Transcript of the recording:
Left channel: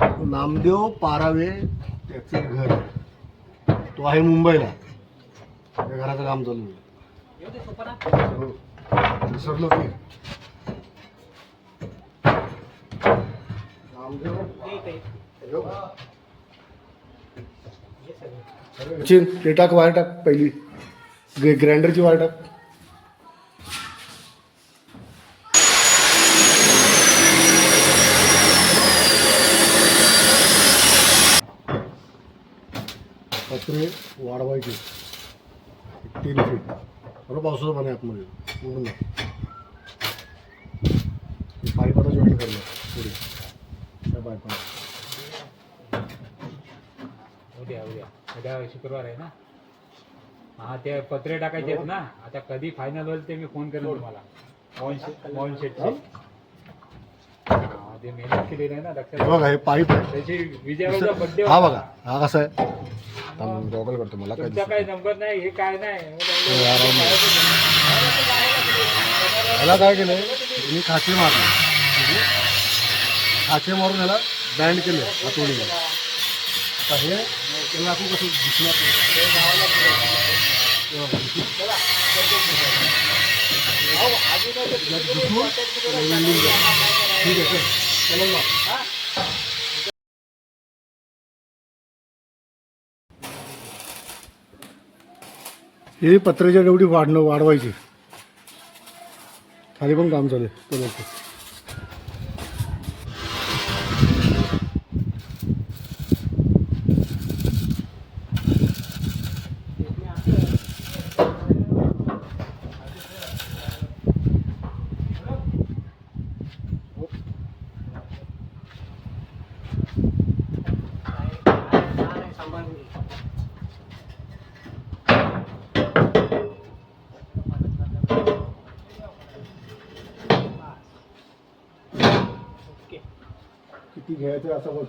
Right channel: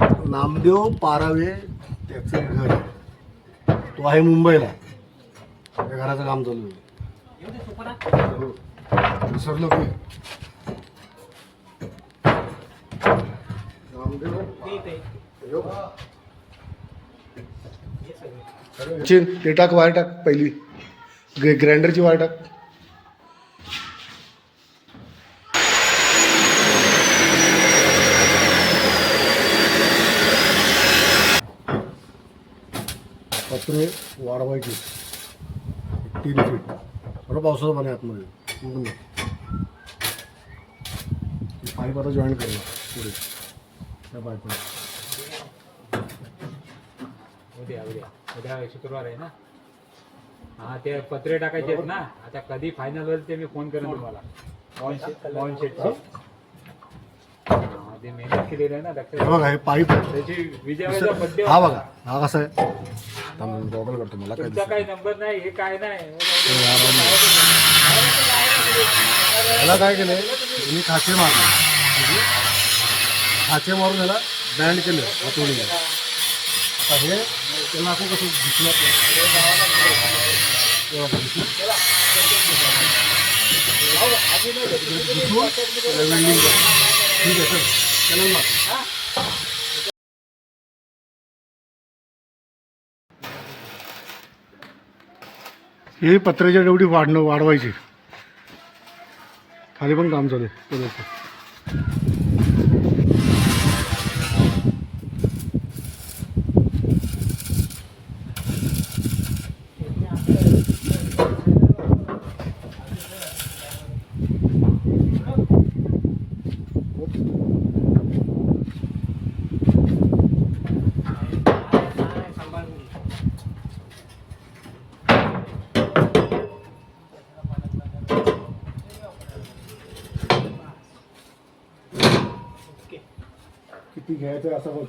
नामदेव पारावे त्याचं घर आहे. तो आहे मुंबईला. त्या घराचं काम चालू आहे. विसरलो की नामदेव ते टाक, वायर टाक, पहिली ग्राइंडरची वायर टाक. पत्रे वाढवायची 3 फीट. बरोबर पावसाचं पाणी आतमध्ये उडून पाईप आता जॉईन करणं पुढे त्या पाईपला. उद्या शुक्रवार आहे ना. हा ते पत्रे टाकायचे आहेत ना. आता कधी फायनल होईल ते मी फोन करेन तुम्हाला. मॉल शेटचे ते मेहनत केलेली आहे ना. हे बघा हे पाईप आहे. त्याची विजयाचा बड्डे. हा बघा हा कसा आहे. गॉगल करतो मला काय तुमचा काही नंबर नाही हे काय नाही. याला काय केलंय मी खाचे मारले. खाचे मारून याला बँड केलं हातोडीला. आता हे त्याला आपण कसं दिसणार वेल्डिंग ठीक आहे सर चला ना. ही पत्र्याच्या डेवढी वाढवायची. खाली पण काम चालू आहे. किती घ्यायचं असं बघ.